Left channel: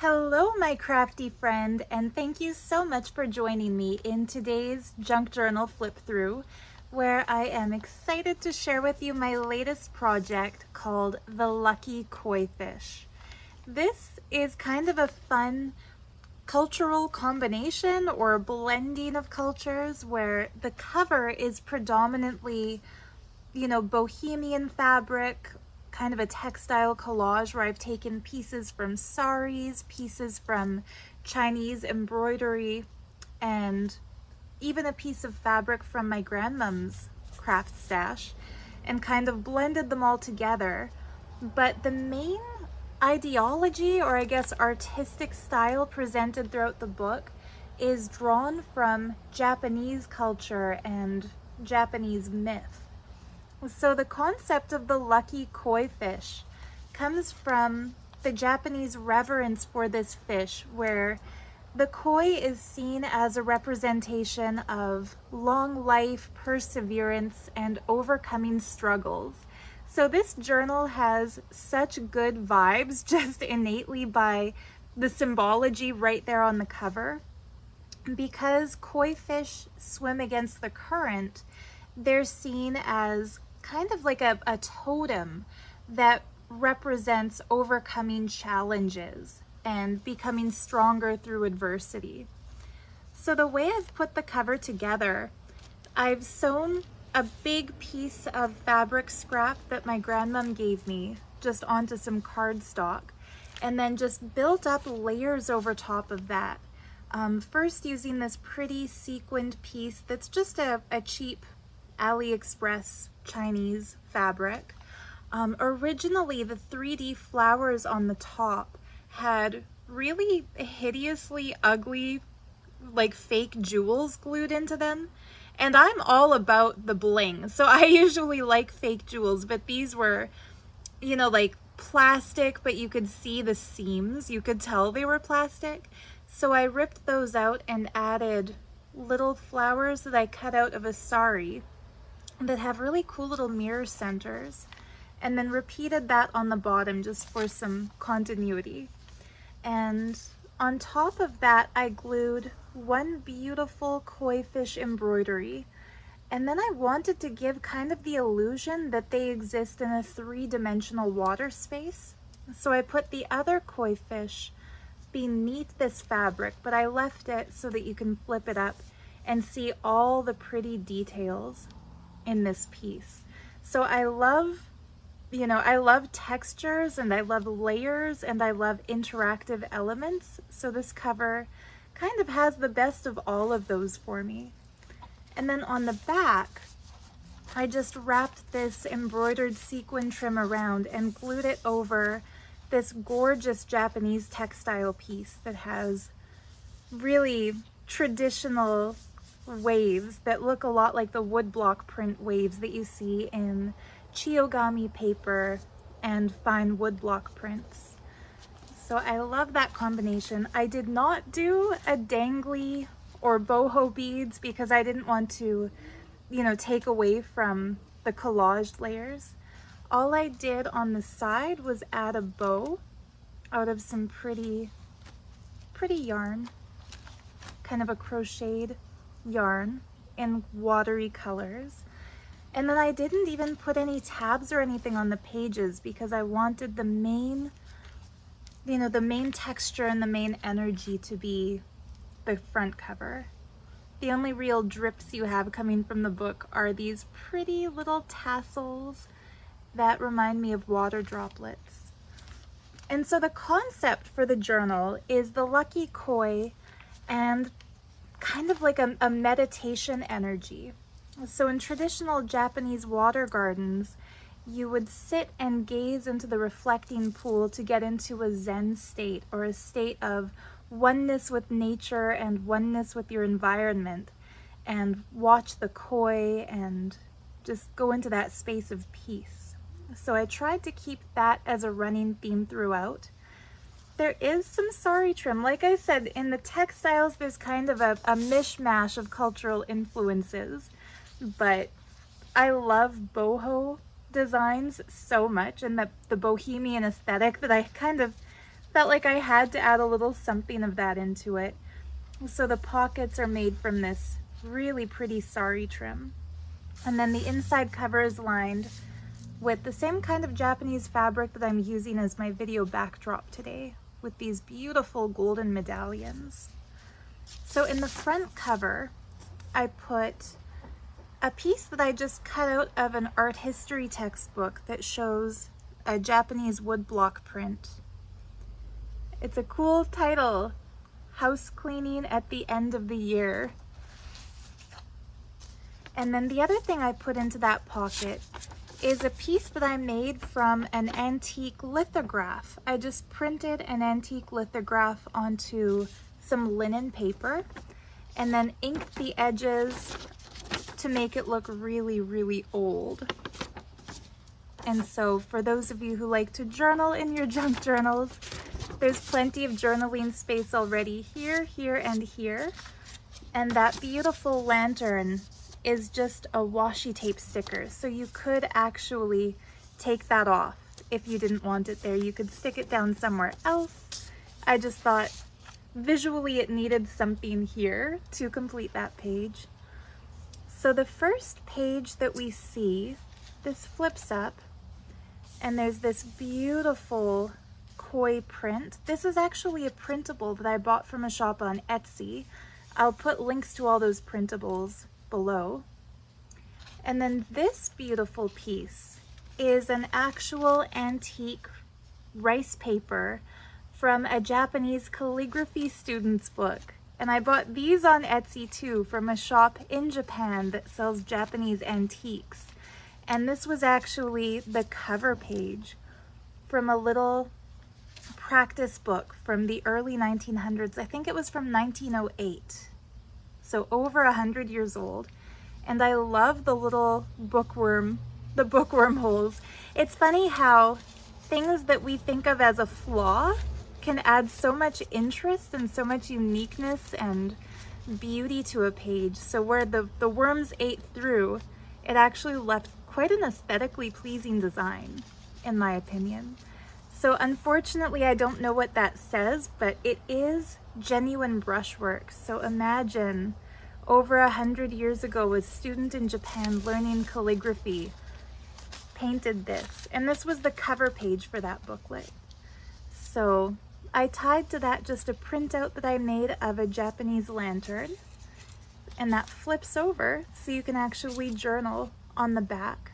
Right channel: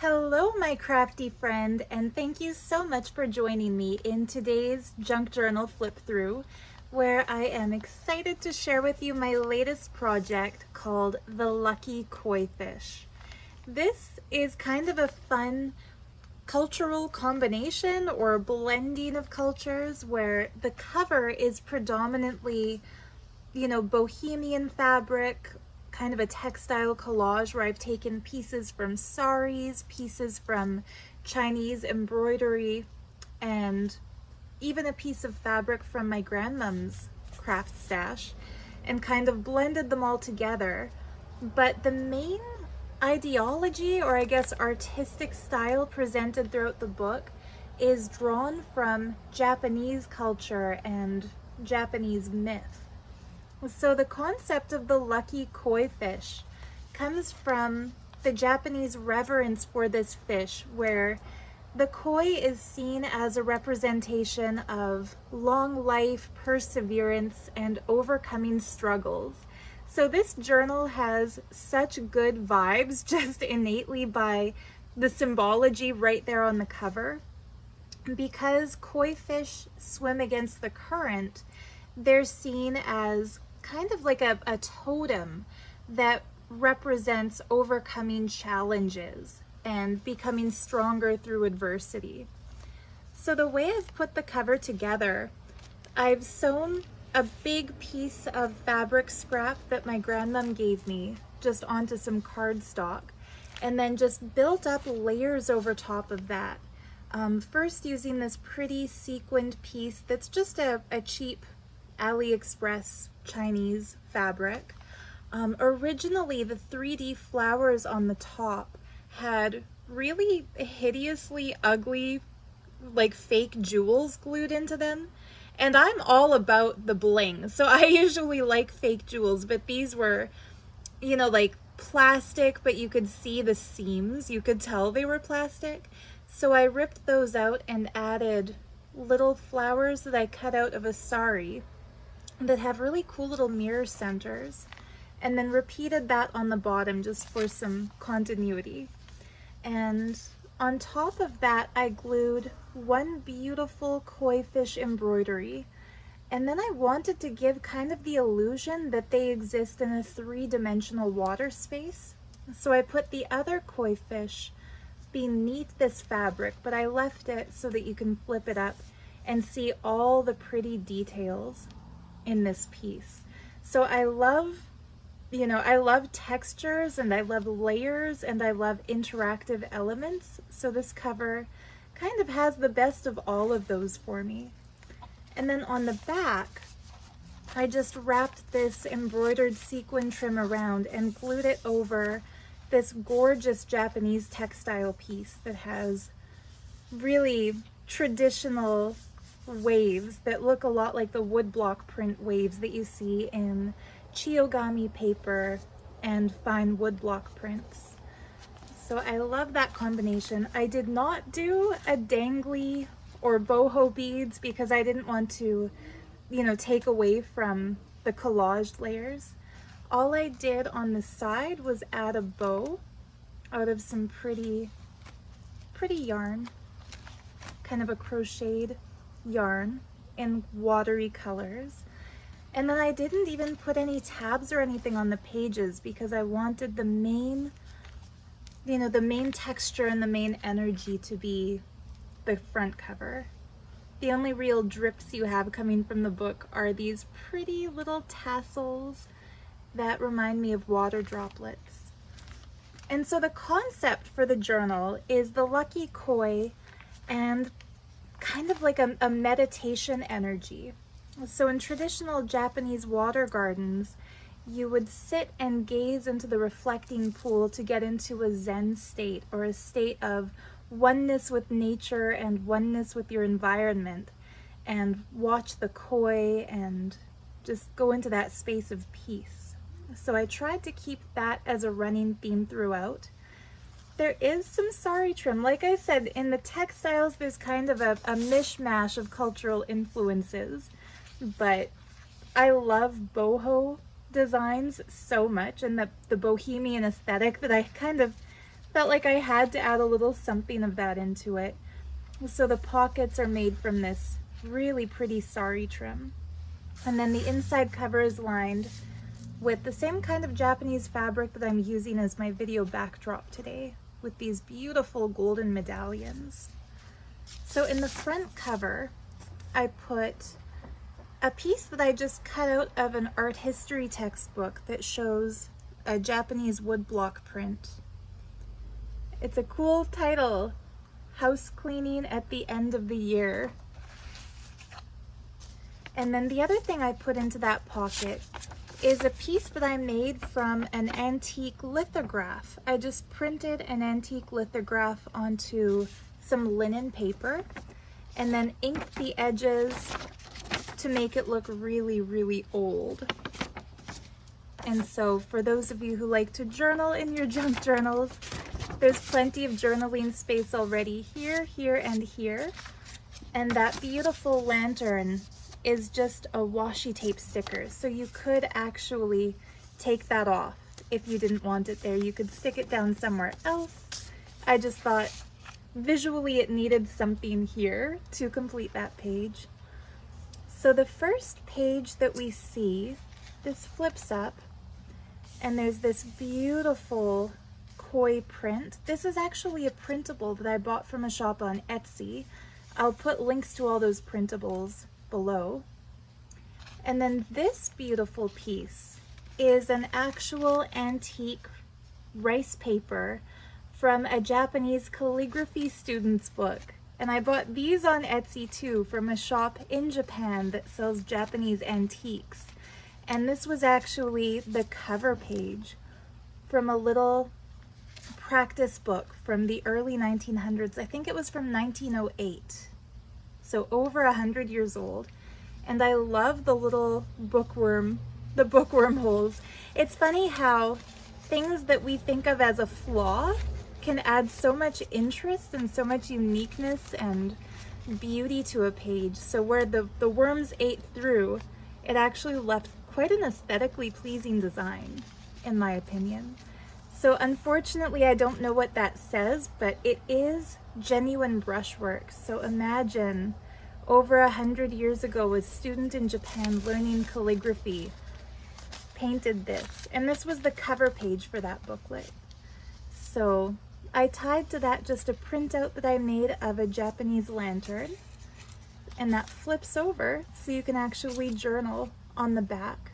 Hello, my crafty friend, and thank you so much for joining me in today's junk journal flip through, where I am excited to share with you my latest project called the Lucky Koi Fish. This is kind of a fun cultural combination or blending of cultures where the cover is predominantly, bohemian fabric, kind of a textile collage where I've taken pieces from saris, pieces from Chinese embroidery, and even a piece of fabric from my grandmom's craft stash, and kind of blended them all together. But the main ideology, or I guess artistic style presented throughout the book, is drawn from Japanese culture and Japanese myth. So the concept of the lucky koi fish comes from the Japanese reverence for this fish, where the koi is seen as a representation of long life, perseverance, and overcoming struggles. So this journal has such good vibes just innately by the symbology right there on the cover. Because koi fish swim against the current, they're seen as kind of like a totem that represents overcoming challenges and becoming stronger through adversity. So the way I've put the cover together, I've sewn a big piece of fabric scrap that my grandmom gave me just onto some cardstock, and then just built up layers over top of that. First using this pretty sequined piece that's just a cheap AliExpress Chinese fabric. Originally, the 3D flowers on the top had really hideously ugly, like fake jewels glued into them. And I'm all about the bling, so I usually like fake jewels, but these were, like plastic, but you could see the seams. You could tell they were plastic. So I ripped those out and added little flowers that I cut out of a sari that have really cool little mirror centers, and then repeated that on the bottom just for some continuity. And on top of that, I glued one beautiful koi fish embroidery, and then I wanted to give kind of the illusion that they exist in a three-dimensional water space. So I put the other koi fish beneath this fabric, but I left it so that you can flip it up and see all the pretty details in this piece. So I love, I love textures, and I love layers, and I love interactive elements. So this cover kind of has the best of all of those for me. And then on the back, I just wrapped this embroidered sequin trim around and glued it over this gorgeous Japanese textile piece that has really traditional waves that look a lot like the woodblock print waves that you see in Origami paper and fine woodblock prints. So I love that combination. I did not do a dangly or boho beads because I didn't want to, take away from the collaged layers. All I did on the side was add a bow out of some pretty yarn, kind of a crocheted yarn in watery colors. And then I didn't even put any tabs or anything on the pages because I wanted the main, the main texture and the main energy to be the front cover. The only real drips you have coming from the book are these pretty little tassels that remind me of water droplets. And so the concept for the journal is the lucky koi and kind of like a meditation energy. So in traditional Japanese water gardens, you would sit and gaze into the reflecting pool to get into a Zen state, or a state of oneness with nature and oneness with your environment, and watch the koi and just go into that space of peace. So I tried to keep that as a running theme throughout. There is some sari trim. Like I said, in the textiles, there's kind of a mishmash of cultural influences, but I love boho designs so much, and the bohemian aesthetic, that I kind of felt like I had to add a little something of that into it. So the pockets are made from this really pretty sari trim. And then the inside cover is lined with the same kind of Japanese fabric that I'm using as my video backdrop today, with these beautiful golden medallions. So in the front cover, I put a piece that I just cut out of an art history textbook that shows a Japanese woodblock print. It's a cool title, House Cleaning at the End of the Year. And then the other thing I put into that pocket is a piece that I made from an antique lithograph. I just printed an antique lithograph onto some linen paper and then inked the edges to make it look really, really old. And so for those of you who like to journal in your junk journals, there's plenty of journaling space already here, here, and here. And that beautiful lantern is just a washi tape sticker. So you could actually take that off if you didn't want it there. You could stick it down somewhere else. I just thought visually it needed something here to complete that page. So the first page that we see, this flips up and there's this beautiful koi print. This is actually a printable that I bought from a shop on Etsy. I'll put links to all those printables below. And then this beautiful piece is an actual antique rice paper from a Japanese calligraphy student's book. And I bought these on Etsy too from a shop in Japan that sells Japanese antiques. And this was actually the cover page from a little practice book from the early 1900s. I think it was from 1908. So over 100 years old. And I love the little bookworm holes. It's funny how things that we think of as a flaw can add so much interest and so much uniqueness and beauty to a page. So where the worms ate through, it actually left quite an aesthetically pleasing design, in my opinion. So unfortunately, I don't know what that says, but it is genuine brushwork. So imagine over 100 years ago, a student in Japan learning calligraphy painted this. And this was the cover page for that booklet. So I tied to that just a printout that I made of a Japanese lantern, and that flips over so you can actually journal on the back.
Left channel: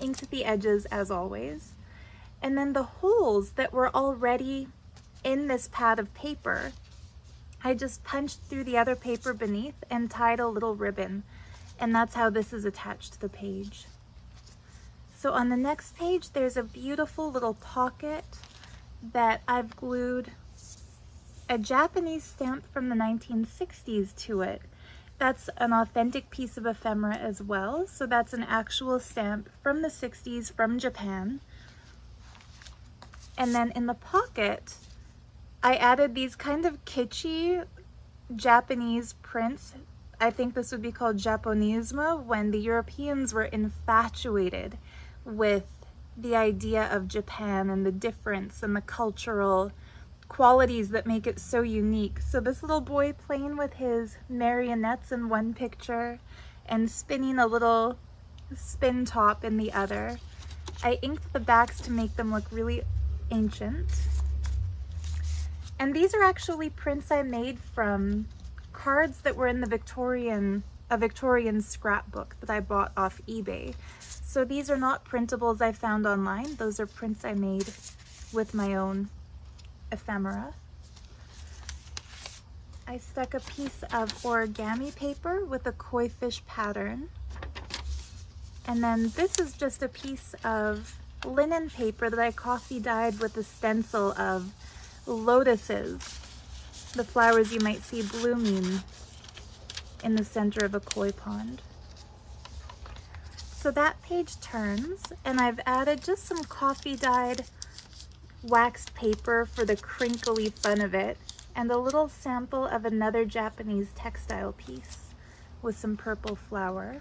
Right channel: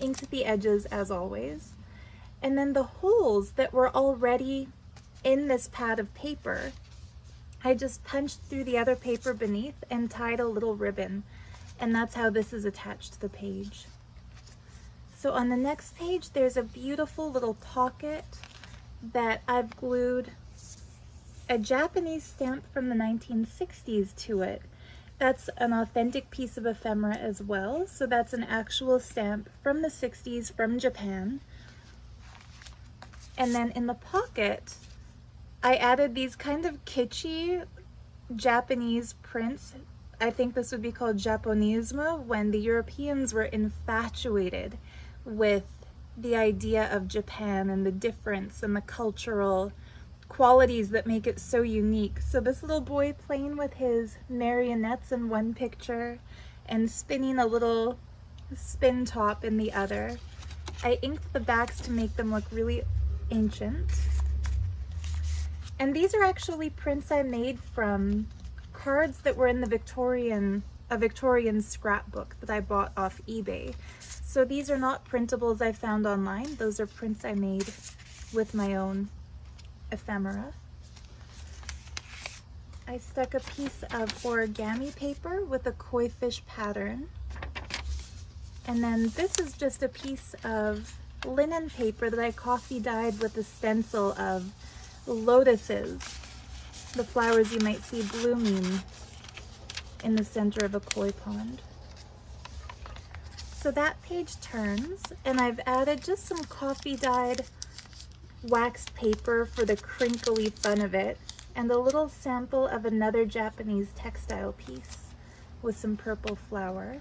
Inked the edges as always. And then the holes that were already in this pad of paper, I just punched through the other paper beneath and tied a little ribbon, and that's how this is attached to the page. So on the next page, there's a beautiful little pocket that I've glued a Japanese stamp from the 1960s to it. That's an authentic piece of ephemera as well. So that's an actual stamp from the 60s from Japan. And then in the pocket, I added these kind of kitschy Japanese prints. I think this would be called Japonismo, when the Europeans were infatuated with the idea of Japan and the difference and the cultural qualities that make it so unique. So this little boy playing with his marionettes in one picture and spinning a little spin top in the other. I inked the backs to make them look really ancient. And these are actually prints I made from cards that were in the a Victorian scrapbook that I bought off eBay. So these are not printables I found online. Those are prints I made with my own ephemera. I stuck a piece of origami paper with a koi fish pattern. And then this is just a piece of linen paper that I coffee dyed with a stencil of lotuses, the flowers you might see blooming in the center of a koi pond. So that page turns, and I've added just some coffee dyed waxed paper for the crinkly fun of it, and a little sample of another Japanese textile piece with some purple flower.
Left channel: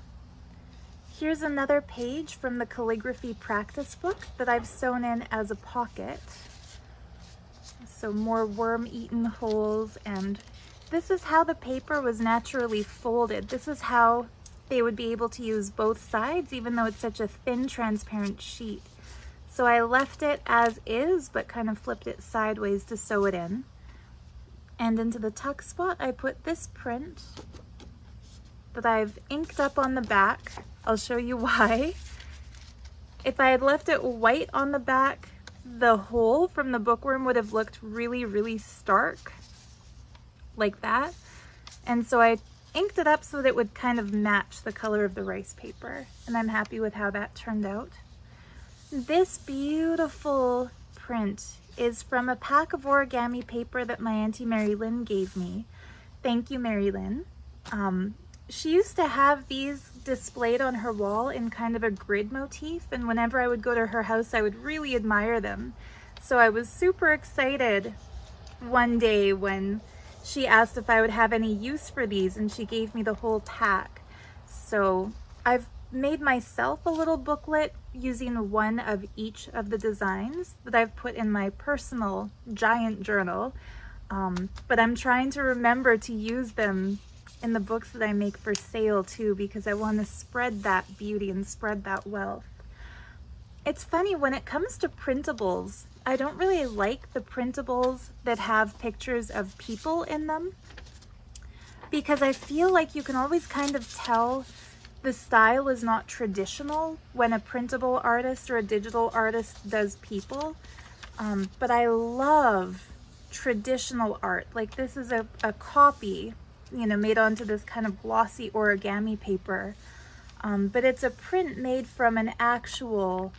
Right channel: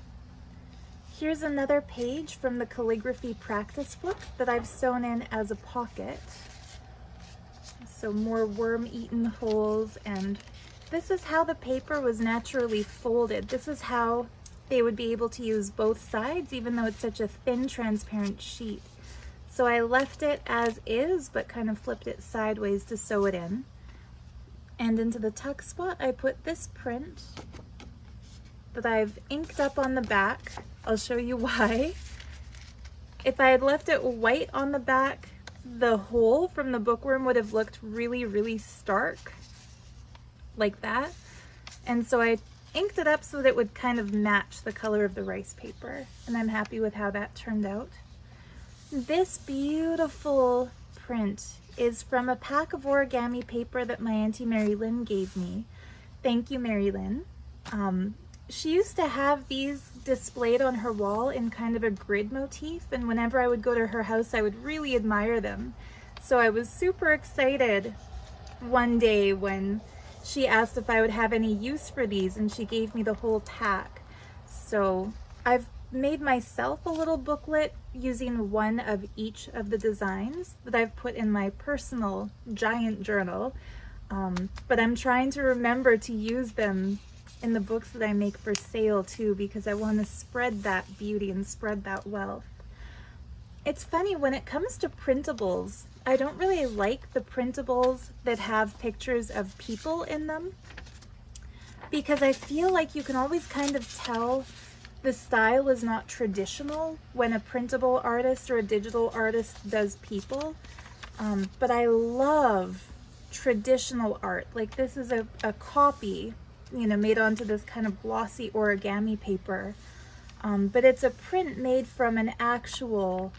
Here's another page from the calligraphy practice book that I've sewn in as a pocket. So more worm-eaten holes, and this is how the paper was naturally folded. This is how they would be able to use both sides, even though it's such a thin, transparent sheet. So I left it as is, but kind of flipped it sideways to sew it in. And into the tuck spot, I put this print that I've inked up on the back. I'll show you why. If I had left it white on the back, the hole from the bookworm would have looked really, really stark, like that. And so I inked it up so that it would kind of match the color of the rice paper, and I'm happy with how that turned out. This beautiful print is from a pack of origami paper that my Auntie Mary Lynn gave me. Thank you, Mary Lynn. She used to have these displayed on her wall in kind of a grid motif, and whenever I would go to her house, I would really admire them. So I was super excited one day when she asked if I would have any use for these, and she gave me the whole pack. So I've made myself a little booklet using one of each of the designs that I've put in my personal giant journal, but I'm trying to remember to use them in the books that I make for sale too, because I want to spread that beauty and spread that wealth. It's funny, when it comes to printables, I don't really like the printables that have pictures of people in them, because I feel like you can always kind of tell the style is not traditional when a printable artist or a digital artist does people. But I love traditional art. Like this is a copy, you know, made onto this kind of glossy origami paper. But it's a print made from an actual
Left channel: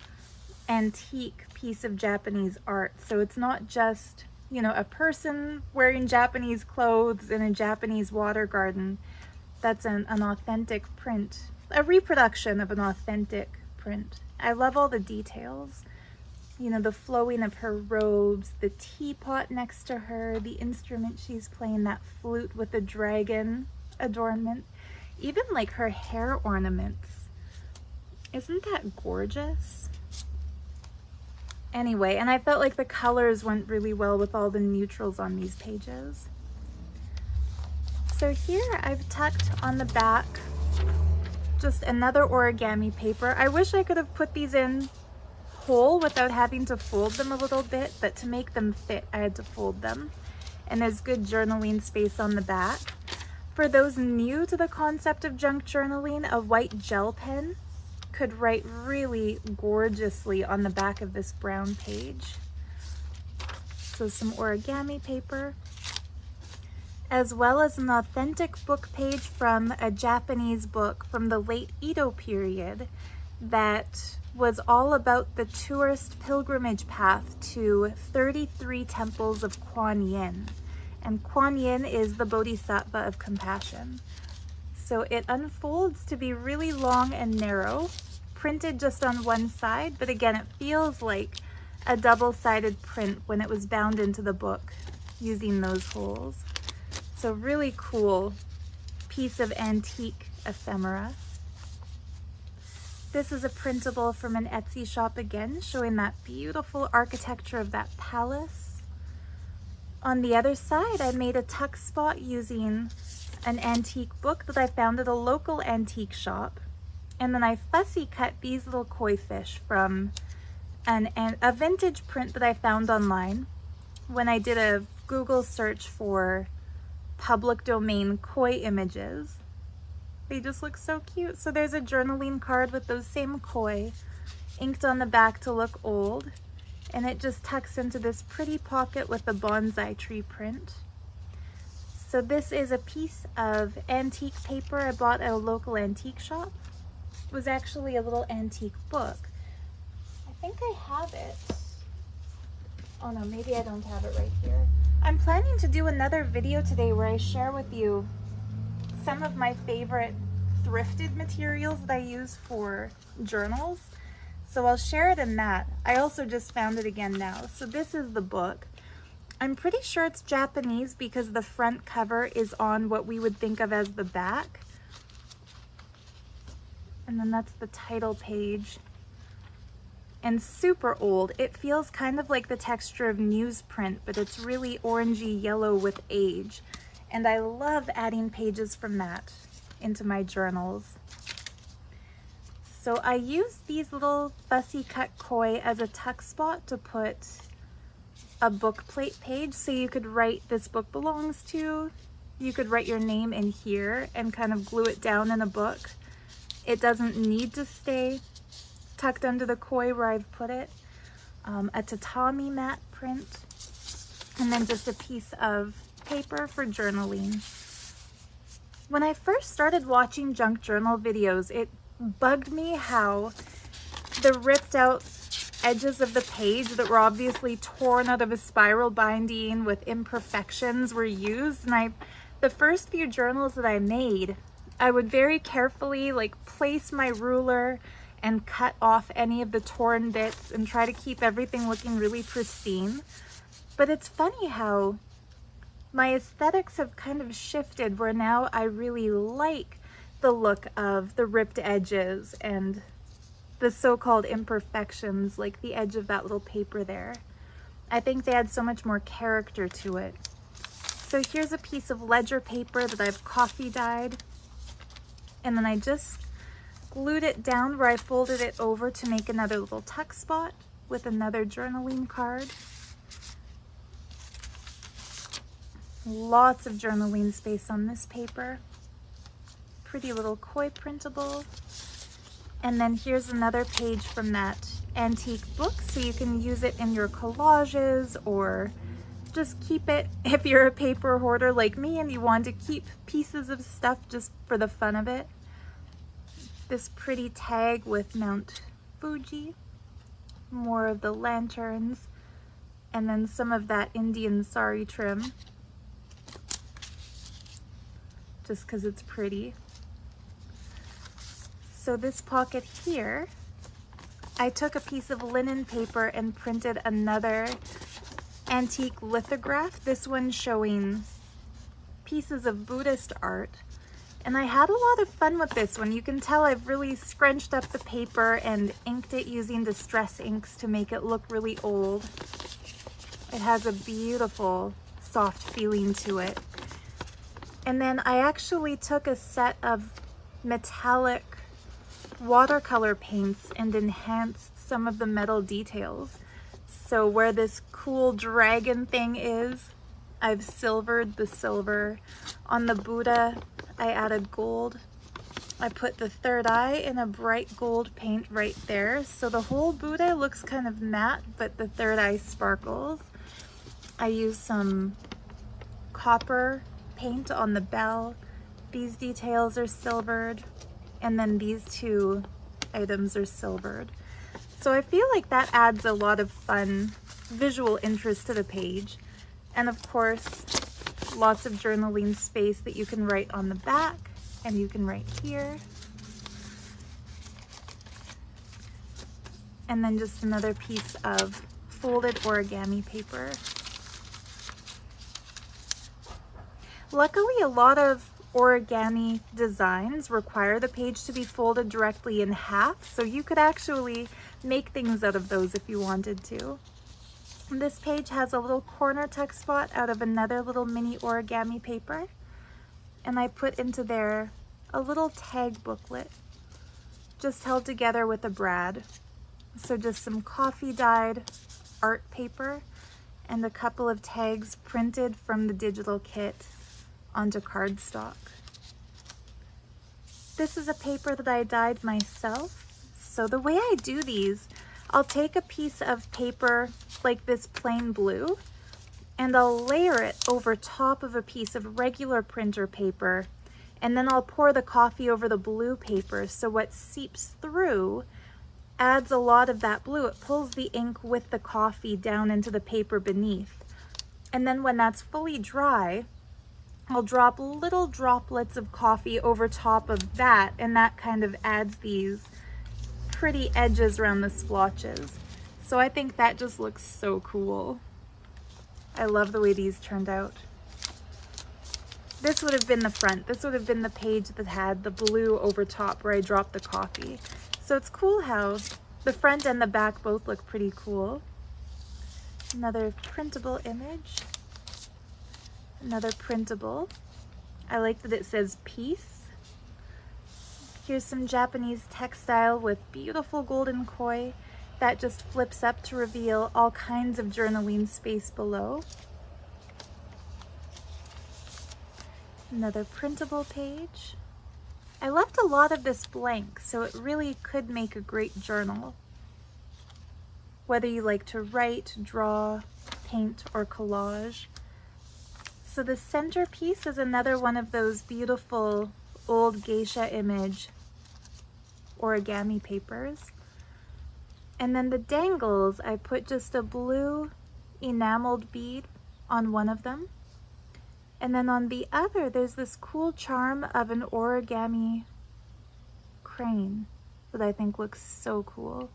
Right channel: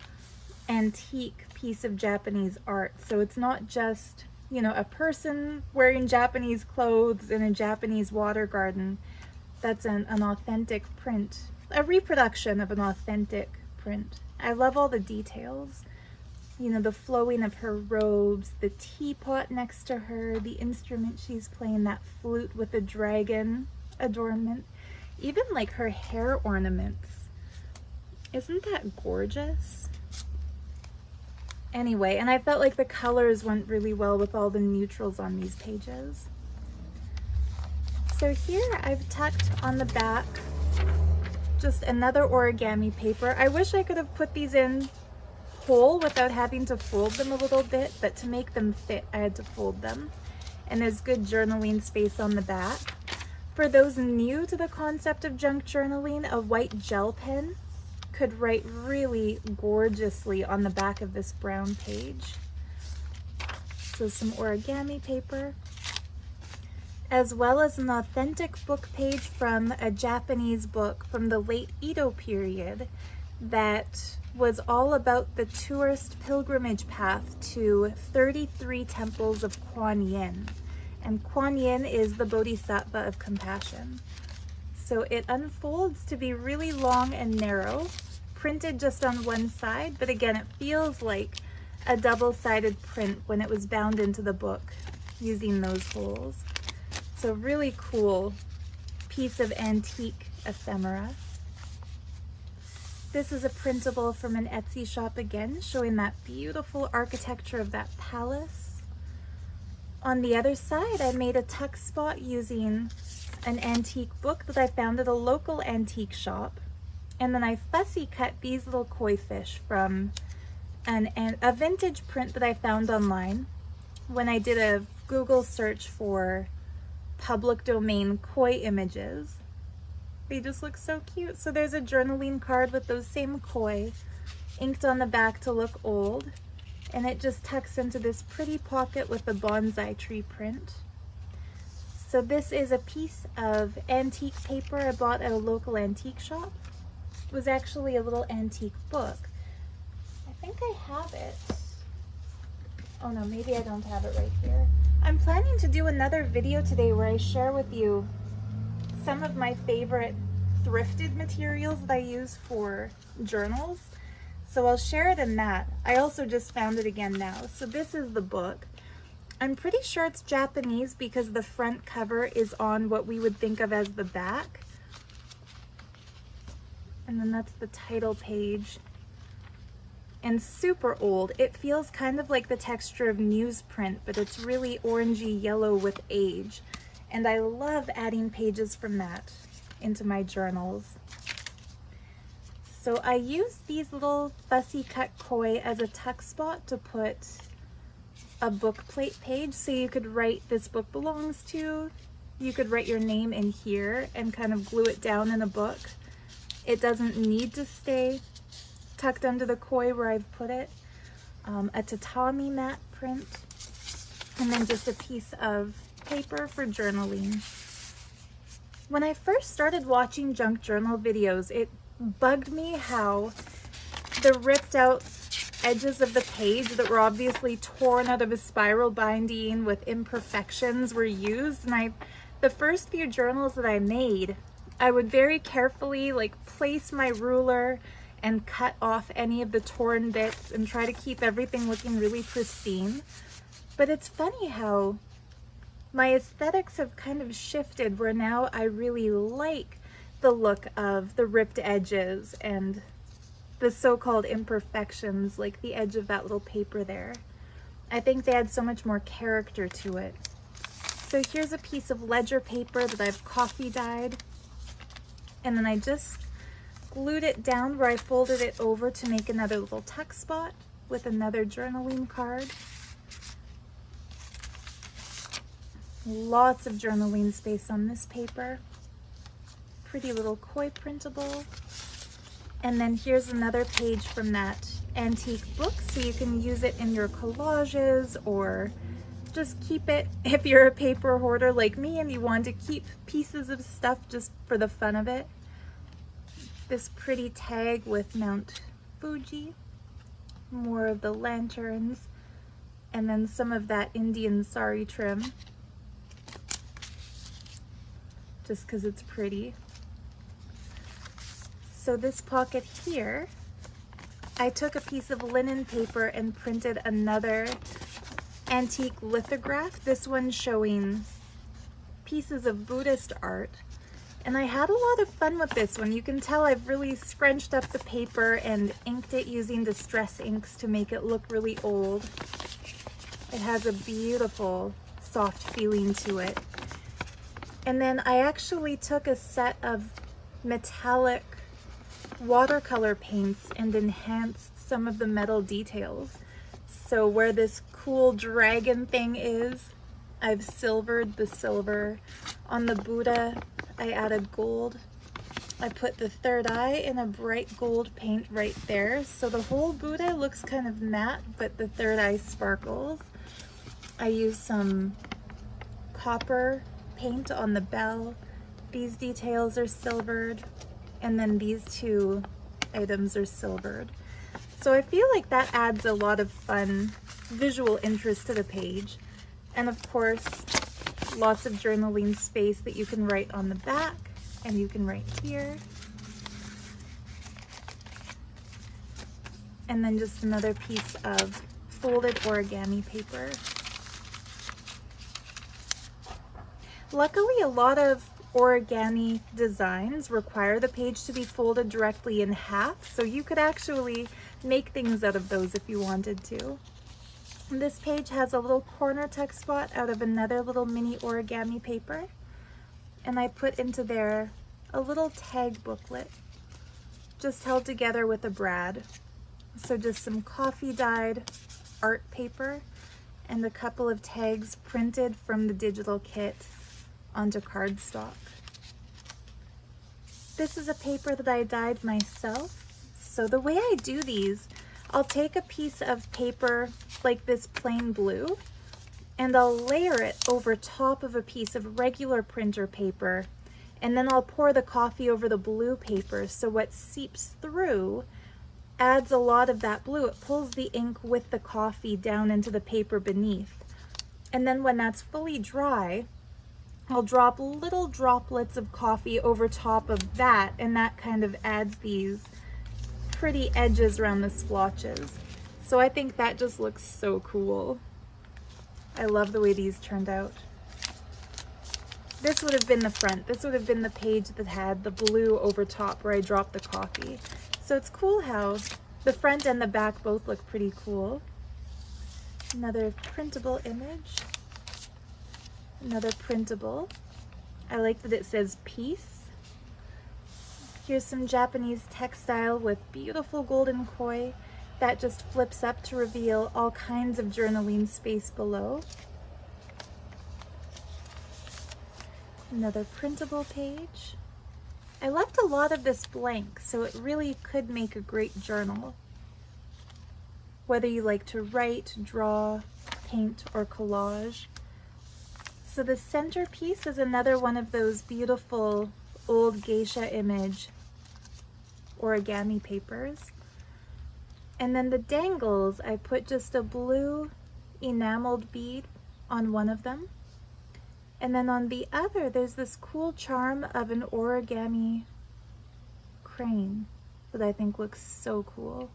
antique piece of Japanese art. So it's not just, you know, a person wearing Japanese clothes in a Japanese water garden. That's an authentic print, a reproduction of an authentic print. I love all the details. You know, the flowing of her robes, the teapot next to her, the instrument she's playing, that flute with the dragon adornment, even like her hair ornaments. Isn't that gorgeous? Anyway, and I felt like the colors went really well with all the neutrals on these pages. So here I've tucked on the back just another origami paper. I wish I could have put these in whole without having to fold them a little bit, but to make them fit, I had to fold them. And there's good journaling space on the back. For those new to the concept of junk journaling, a white gel pen could write really gorgeously on the back of this brown page. So some origami paper, as well as an authentic book page from a Japanese book from the late Edo period that was all about the tourist pilgrimage path to 33 temples of Kuan Yin. And Kuan Yin is the Bodhisattva of compassion. So it unfolds to be really long and narrow, printed just on one side, but again, it feels like a double-sided print when it was bound into the book using those holes. So really cool piece of antique ephemera. This is a printable from an Etsy shop again, showing that beautiful architecture of that palace. On the other side, I made a tuck spot using an antique book that I found at a local antique shop. And then I fussy cut these little koi fish from a vintage print that I found online when I did a Google search for public domain koi images. They just look so cute. So there's a journaling card with those same koi inked on the back to look old. And it just tucks into this pretty pocket with a bonsai tree print. So this is a piece of antique paper I bought at a local antique shop. It was actually a little antique book. I think I have it. Oh no, maybe I don't have it right here. I'm planning to do another video today where I share with you some of my favorite thrifted materials that I use for journals. So I'll share it in that. I also just found it again now. So this is the book. I'm pretty sure it's Japanese because the front cover is on what we would think of as the back. And then that's the title page. and super old. It feels kind of like the texture of newsprint, but it's really orangey yellow with age. And I love adding pages from that into my journals. So I use these little fussy cut koi as a tuck spot to put a book plate page. So you could write "this book belongs to," you could write your name in here and kind of glue it down in a book. It doesn't need to stay tucked under the koi where I've put it. A tatami mat print, and then just a piece of paper for journaling. When I first started watching junk journal videos, it bugged me how the ripped out edges of the page that were obviously torn out of a spiral binding with imperfections were used. And the first few journals that I made, I would very carefully place my ruler and cut off any of the torn bits and try to keep everything looking really pristine. But it's funny how my aesthetics have kind of shifted, where now I really like the look of the ripped edges and the so-called imperfections, like the edge of that little paper there. I think they add so much more character to it. So here's a piece of ledger paper that I've coffee dyed, and then I just glued it down where I folded it over to make another little tuck spot with another journaling card. Lots of journaling space on this paper. Pretty little koi printable. And then here's another page from that antique book, so you can use it in your collages or just keep it if you're a paper hoarder like me and you want to keep pieces of stuff just for the fun of it. This pretty tag with Mount Fuji, more of the lanterns, and then some of that Indian sari trim, just because it's pretty. So this pocket here, I took a piece of linen paper and printed another antique lithograph, this one showing pieces of Buddhist art. And I had a lot of fun with this one. You can tell I've really scrunched up the paper and inked it using distress inks to make it look really old. It has a beautiful soft feeling to it. And then I actually took a set of metallic watercolor paints and enhanced some of the metal details. So where this cool dragon thing is, I've silvered the silver. On the Buddha, I added gold. I put the third eye in a bright gold paint right there. So the whole Buddha looks kind of matte, but the third eye sparkles. I used some copper paint on the bell. These details are silvered. And then these two items are silvered. So I feel like that adds a lot of fun visual interest to the page. And of course, lots of journaling space that you can write on the back, and you can write here. And then just another piece of folded origami paper. Luckily, a lot of origami designs require the page to be folded directly in half, so you could actually make things out of those if you wanted to. This page has a little corner tuck spot out of another little mini origami paper, and I put into there a little tag booklet just held together with a brad. So just some coffee dyed art paper and a couple of tags printed from the digital kit onto cardstock. This is a paper that I dyed myself. So the way I do these, I'll take a piece of paper like this plain blue and I'll layer it over top of a piece of regular printer paper, and then I'll pour the coffee over the blue paper, so what seeps through adds a lot of that blue. It pulls the ink with the coffee down into the paper beneath. And then when that's fully dry, I'll drop little droplets of coffee over top of that, and that kind of adds these pretty edges around the splotches. So I think that just looks so cool. I love the way these turned out. This would have been the front. This would have been the page that had the blue over top where I dropped the coffee. So it's cool how The front and the back both look pretty cool. Another printable image. Another printable. I like that it says peace. Here's some Japanese textile with beautiful golden koi that just flips up to reveal all kinds of journaling space below. Another printable page. I left a lot of this blank, so it really could make a great journal. Whether you like to write, draw, paint, or collage. So the centerpiece is another one of those beautiful old geisha image origami papers. And then the dangles, I put just a blue enameled bead on one of them. And then on the other, there's this cool charm of an origami crane that I think looks so cool.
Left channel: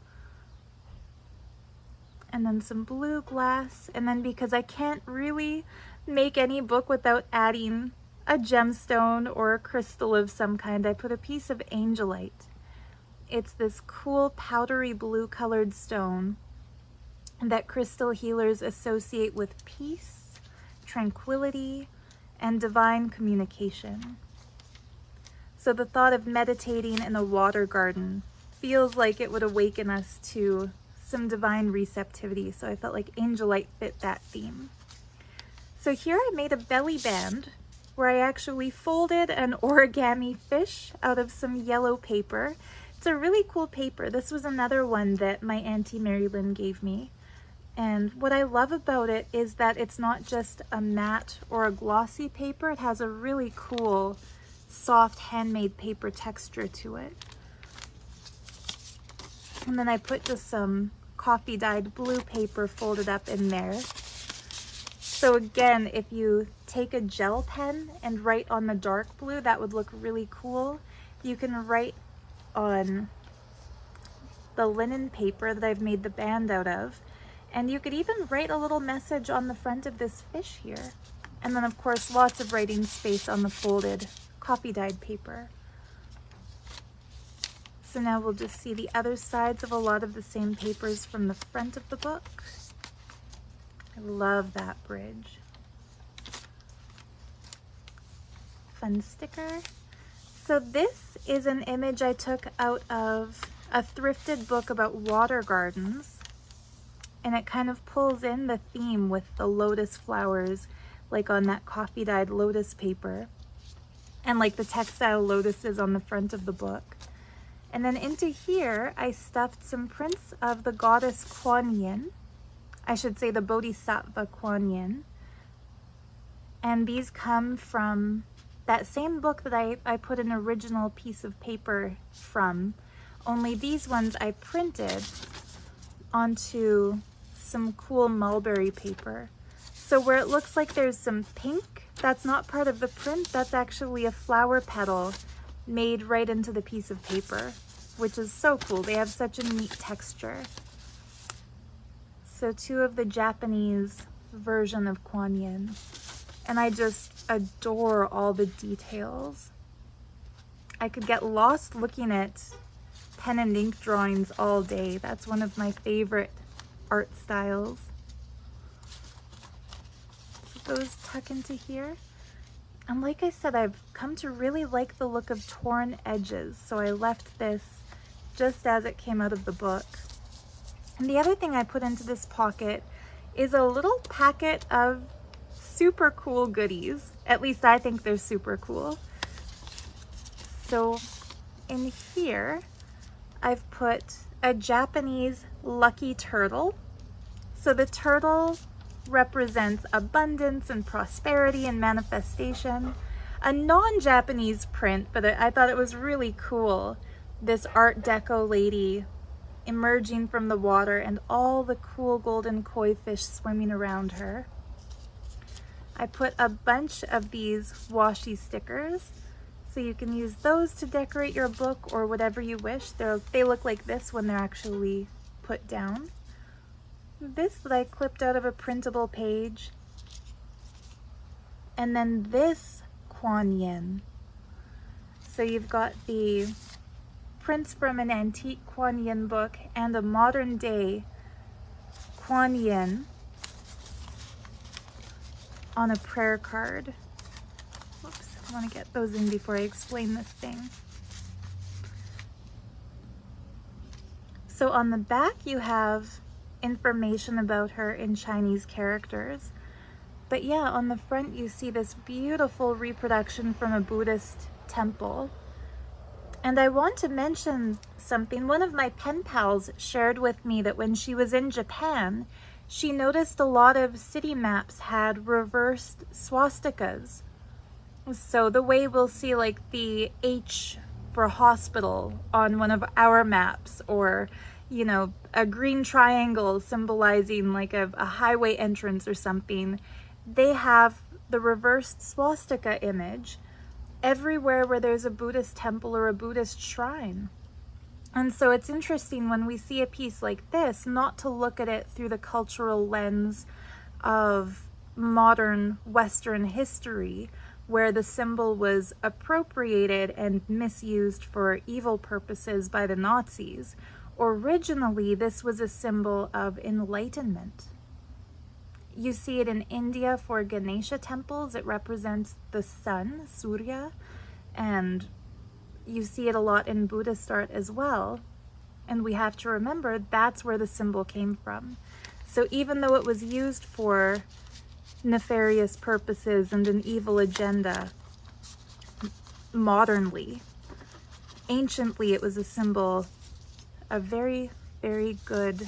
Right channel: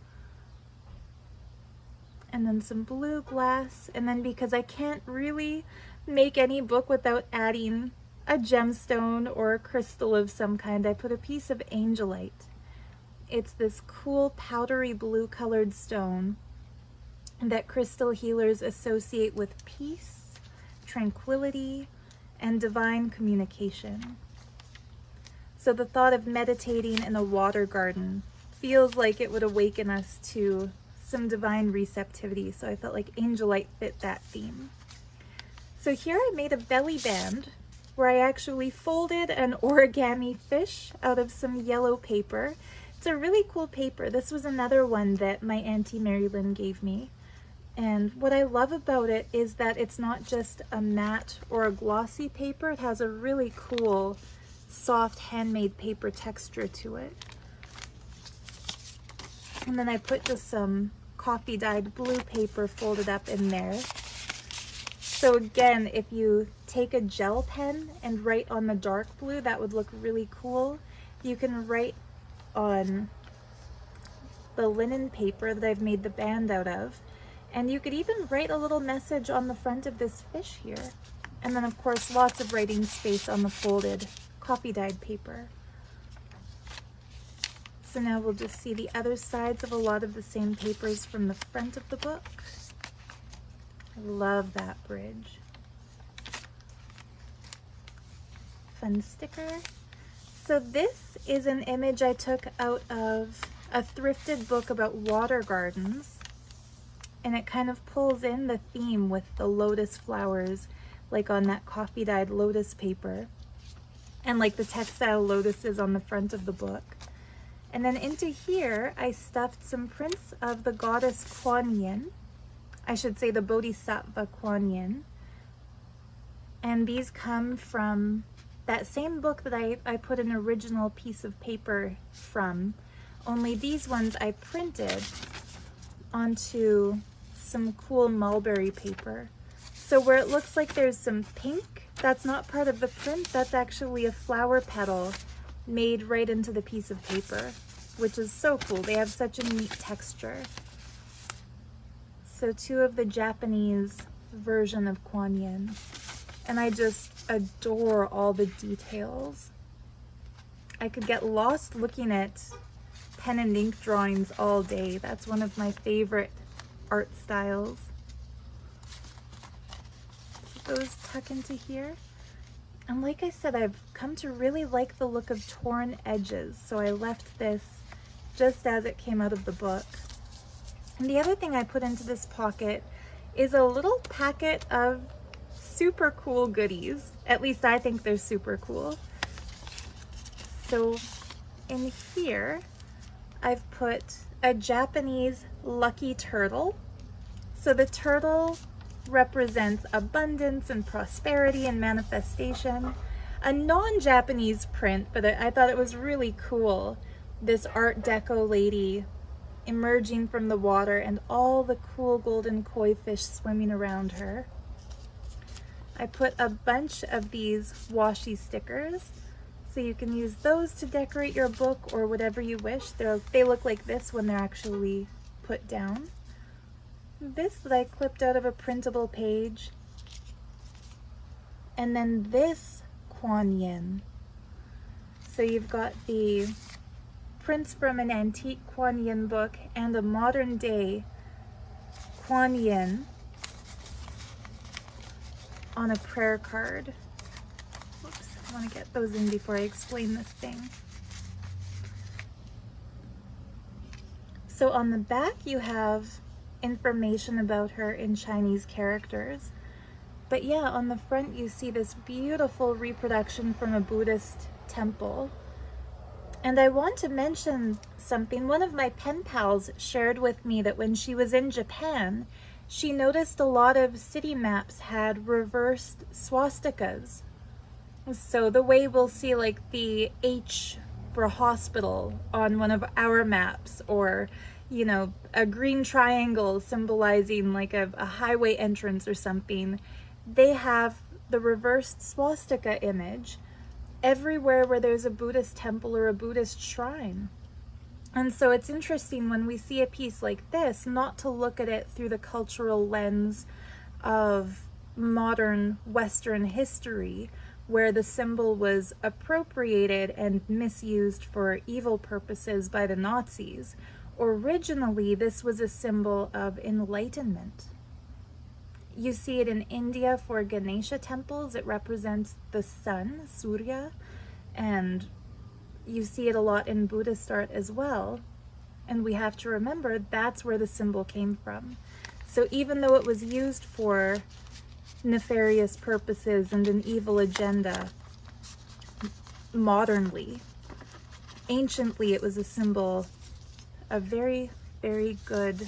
And then some blue glass. And then because I can't really make any book without adding a gemstone or a crystal of some kind, I put a piece of angelite. It's this cool powdery blue colored stone that crystal healers associate with peace, tranquility, and divine communication. So the thought of meditating in a water garden feels like it would awaken us to some divine receptivity, so I felt like angelite fit that theme. So here I made a belly band where I actually folded an origami fish out of some yellow paper. It's a really cool paper. This was another one that my Auntie Mary Lynn gave me. And what I love about it is that it's not just a matte or a glossy paper. It has a really cool, soft, handmade paper texture to it. And then I put just some coffee dyed blue paper folded up in there. So again, if you take a gel pen and write on the dark blue, that would look really cool. You can write on the linen paper that I've made the band out of. And you could even write a little message on the front of this fish here. And then of course, lots of writing space on the folded coffee dyed paper. So now we'll just see the other sides of a lot of the same papers from the front of the book. I love that bridge. Fun sticker. So this is an image I took out of a thrifted book about water gardens. And it kind of pulls in the theme with the lotus flowers, like on that coffee dyed lotus paper. And like the textile lotuses on the front of the book. And then into here, I stuffed some prints of the goddess Kuan Yin. I should say the Bodhisattva Kuan Yin. And these come from that same book that I put an original piece of paper from. Only these ones I printed onto some cool mulberry paper. So where it looks like there's some pink, that's not part of the print, that's actually a flower petal made right into the piece of paper, which is so cool. They have such a neat texture. So two of the Japanese version of Kuan Yin. And I just adore all the details. I could get lost looking at pen and ink drawings all day. That's one of my favorite art styles. So those tuck into here. And like I said, I've come to really like the look of torn edges. So I left this just as it came out of the book. And the other thing I put into this pocket is a little packet of super cool goodies. At least I think they're super cool. So in here, I've put a Japanese lucky turtle. So the turtle represents abundance and prosperity and manifestation. A non-Japanese print, but I thought it was really cool. This Art Deco lady emerging from the water and all the cool golden koi fish swimming around her. I put a bunch of these washi stickers, so you can use those to decorate your book or whatever you wish. They look like this when they're actually put down. This that I clipped out of a printable page. And then this Kuan Yin. So you've got the prints from an antique Kuan Yin book and a modern day Kuan Yin on a prayer card. Oops, I want to get those in before I explain this thing. So on the back you have information about her in Chinese characters. But yeah, on the front you see this beautiful reproduction from a Buddhist temple. And I want to mention something. One of my pen pals shared with me that when she was in Japan, she noticed a lot of city maps had reversed swastikas. So the way we'll see like the H for hospital on one of our maps, or you know, a green triangle symbolizing like a highway entrance or something, they have the reversed swastika image everywhere where there's a Buddhist temple or a Buddhist shrine. And so it's interesting when we see a piece like this, not to look at it through the cultural lens of modern Western history, where the symbol was appropriated and misused for evil purposes by the Nazis. Originally, this was a symbol of enlightenment. You see it in India for Ganesha temples. It represents the sun, Surya, and you see it a lot in Buddhist art as well. And we have to remember that's where the symbol came from. So even though it was used for nefarious purposes and an evil agenda modernly, anciently it was a symbol of very, very good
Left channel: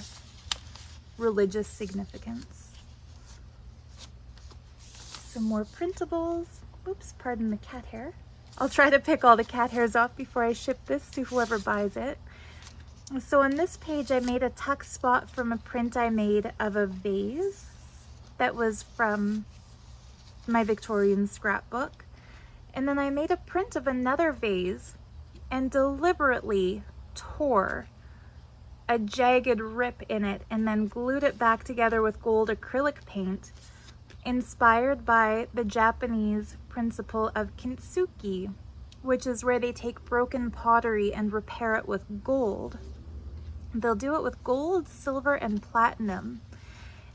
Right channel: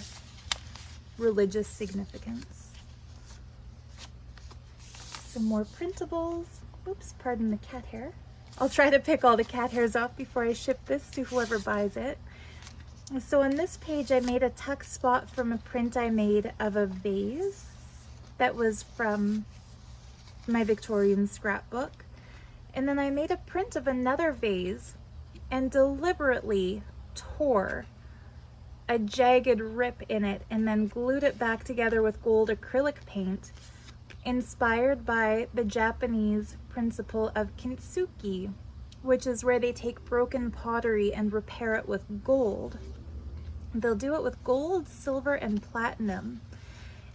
religious significance. Some more printables. Oops, pardon the cat hair. I'll try to pick all the cat hairs off before I ship this to whoever buys it. So on this page, I made a tuck spot from a print I made of a vase that was from my Victorian scrapbook. And then I made a print of another vase and deliberately tore a jagged rip in it and then glued it back together with gold acrylic paint, inspired by the Japanese principle of kintsugi, which is where they take broken pottery and repair it with gold. They'll do it with gold, silver, and platinum.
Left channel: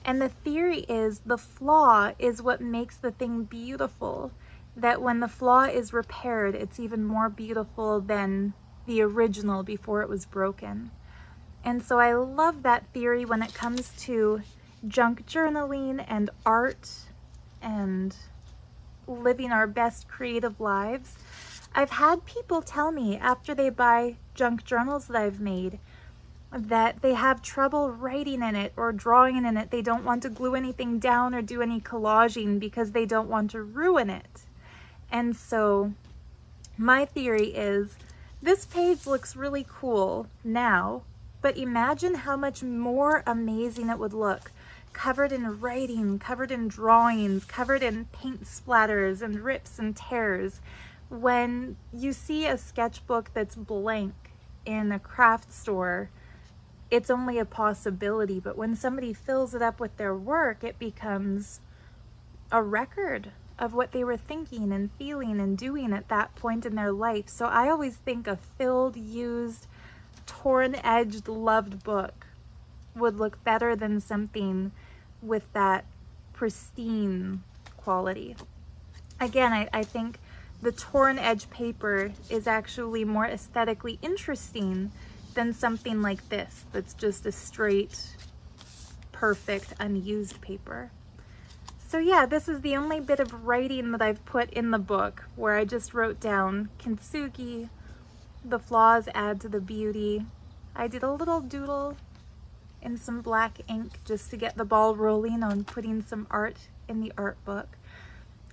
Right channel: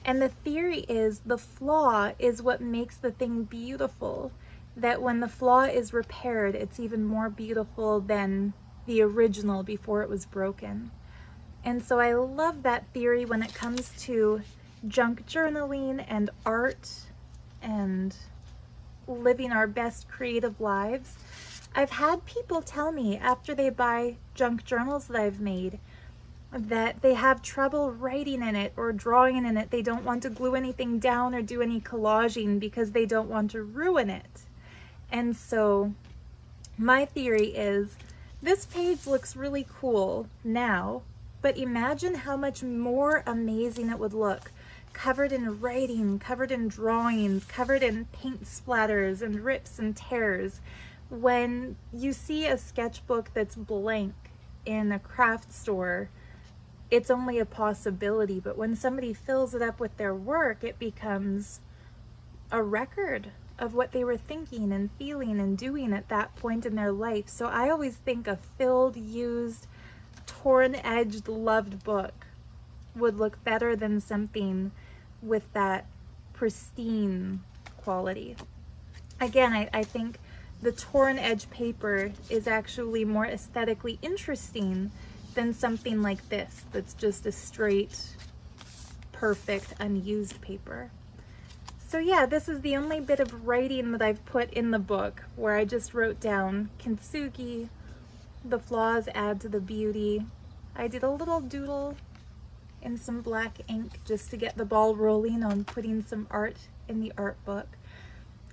And the theory is the flaw is what makes the thing beautiful, that when the flaw is repaired, it's even more beautiful than the original before it was broken. And so I love that theory when it comes to junk journaling and art and living our best creative lives. I've had people tell me after they buy junk journals that I've made that they have trouble writing in it or drawing in it. They don't want to glue anything down or do any collaging because they don't want to ruin it. And so my theory is this page looks really cool now, but imagine how much more amazing it would look covered in writing, covered in drawings, covered in paint splatters and rips and tears. When you see a sketchbook that's blank in a craft store, it's only a possibility, but when somebody fills it up with their work, it becomes a record of what they were thinking and feeling and doing at that point in their life. So I always think a filled, used, torn-edged, loved book would look better than something with that pristine quality. Again, I think the torn edge paper is actually more aesthetically interesting than something like this that's just a straight, perfect, unused paper. So yeah, this is the only bit of writing that I've put in the book where I just wrote down kintsugi, the flaws add to the beauty. I did a little doodle in some black ink just to get the ball rolling on putting some art in the art book.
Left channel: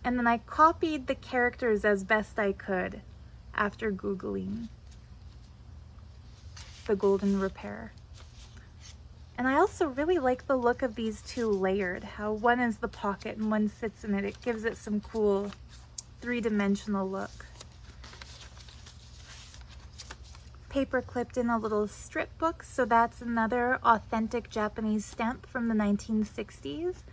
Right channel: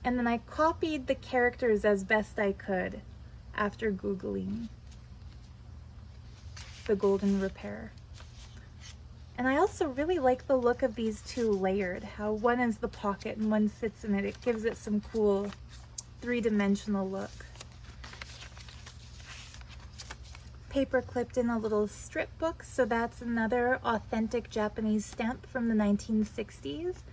And then I copied the characters as best I could after Googling the golden repair. And I also really like the look of these two layered, how one is the pocket and one sits in it. It gives it some cool three-dimensional look. Paper clipped in a little strip book, so that's another authentic Japanese stamp from the 1960s.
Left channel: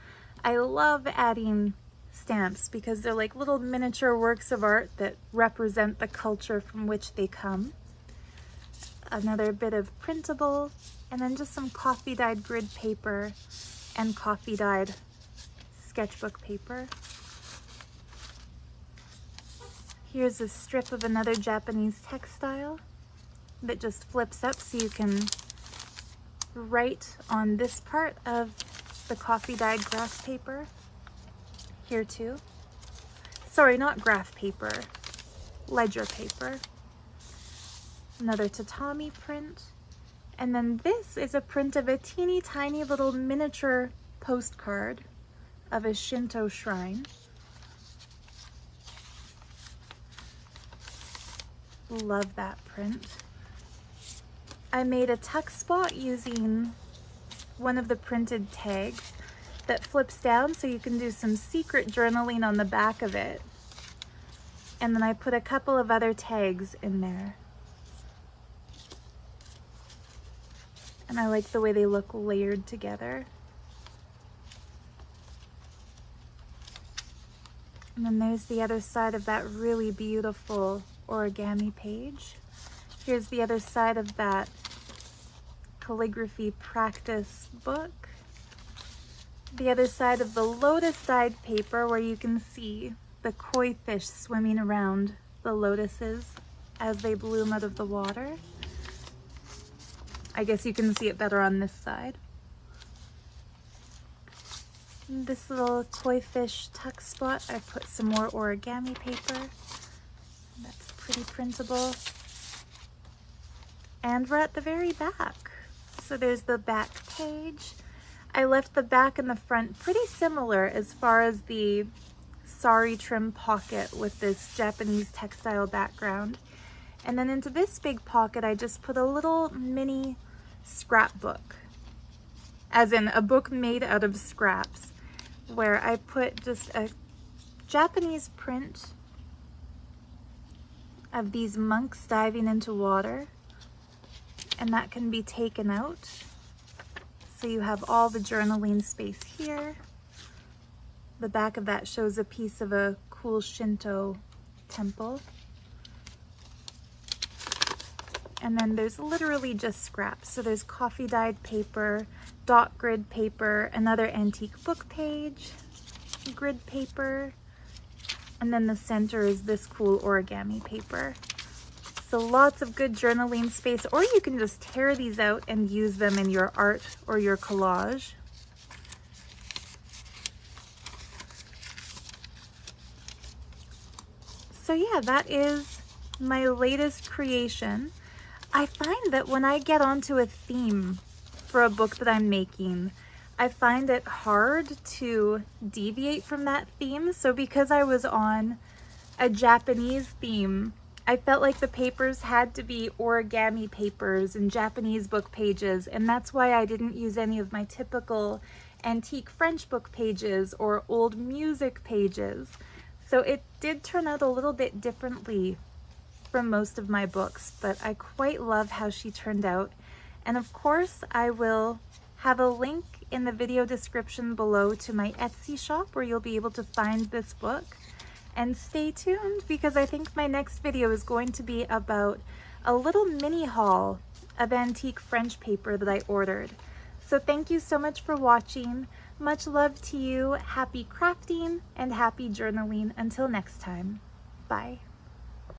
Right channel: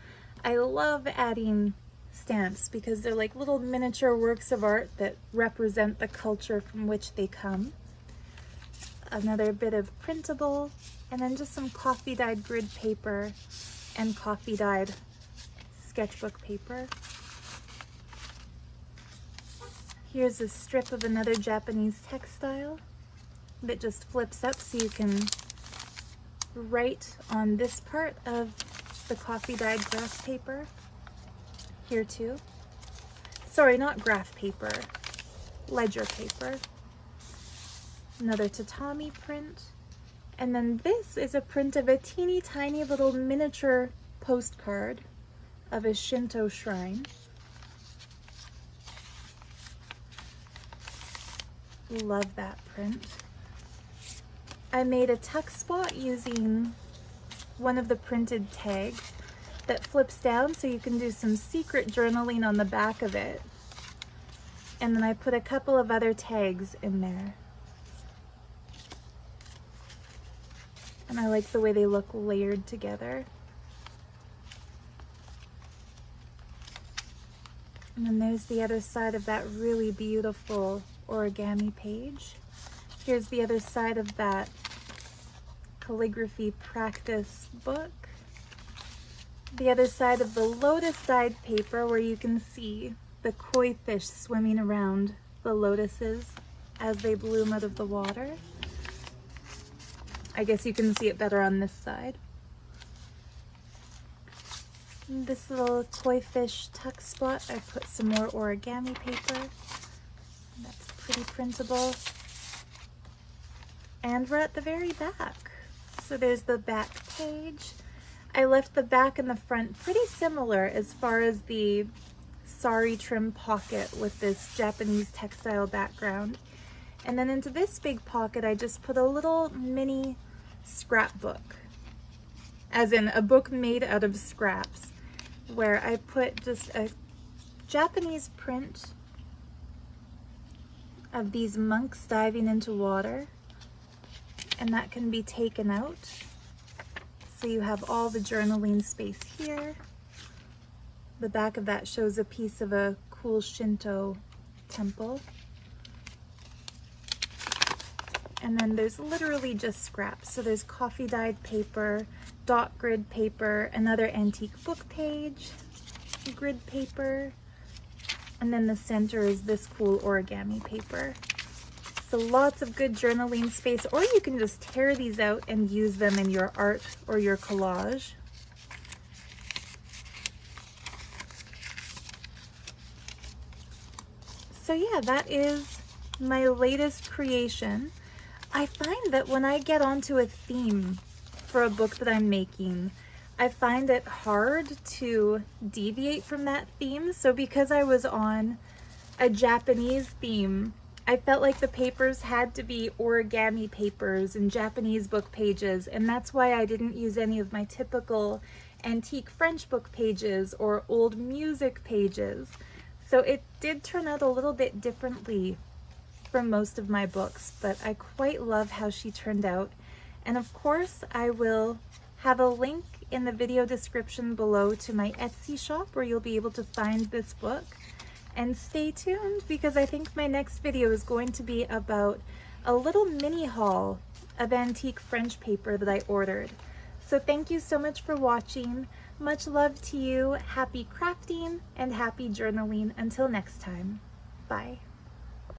I love adding stamps because they're like little miniature works of art that represent the culture from which they come. another bit of printable, and then just some coffee dyed grid paper and coffee dyed sketchbook paper. Here's a strip of another Japanese textile that just flips up so you can write on this part of the coffee dyed graph paper. Here too. Sorry, not graph paper, ledger paper. Another tatami print. And then this is a print of a teeny tiny little miniature postcard of a Shinto shrine. Love that print. I made a tuck spot using one of the printed tags that flips down so you can do some secret journaling on the back of it. And then I put a couple of other tags in there. And I like the way they look layered together. And then there's the other side of that really beautiful origami page. Here's the other side of that calligraphy practice book. The other side of the lotus dyed paper where you can see the koi fish swimming around the lotuses as they bloom out of the water. I guess you can see it better on this side. In this little koi fish tuck spot, I put some more origami paper. That's pretty printable. And we're at the very back. So there's the back page. I left the back and the front pretty similar as far as the sari trim pocket with this Japanese textile background. And then into this big pocket, I just put a little mini scrapbook, as in a book made out of scraps, where I put just a Japanese print of these monks diving into water, and that can be taken out. So you have all the journaling space here. The back of that shows a piece of a cool Shinto temple. And then there's literally just scraps. So there's coffee dyed paper, dot grid paper, another antique book page, grid paper, and then the center is this cool origami paper. So lots of good journaling space, or you can just tear these out and use them in your art or your collage. So yeah, that is my latest creation. I find that when I get onto a theme for a book that I'm making, I find it hard to deviate from that theme. So because I was on a Japanese theme, I felt like the papers had to be origami papers and Japanese book pages, and that's why I didn't use any of my typical antique French book pages or old music pages. So it did turn out a little bit differently from most of my books, but I quite love how she turned out. And of course, I will have a link in the video description below to my Etsy shop where you'll be able to find this book. And stay tuned, because I think my next video is going to be about a little mini haul of antique French paper that I ordered. So thank you so much for watching. Much love to you. Happy crafting and happy journaling. Until next time. Bye.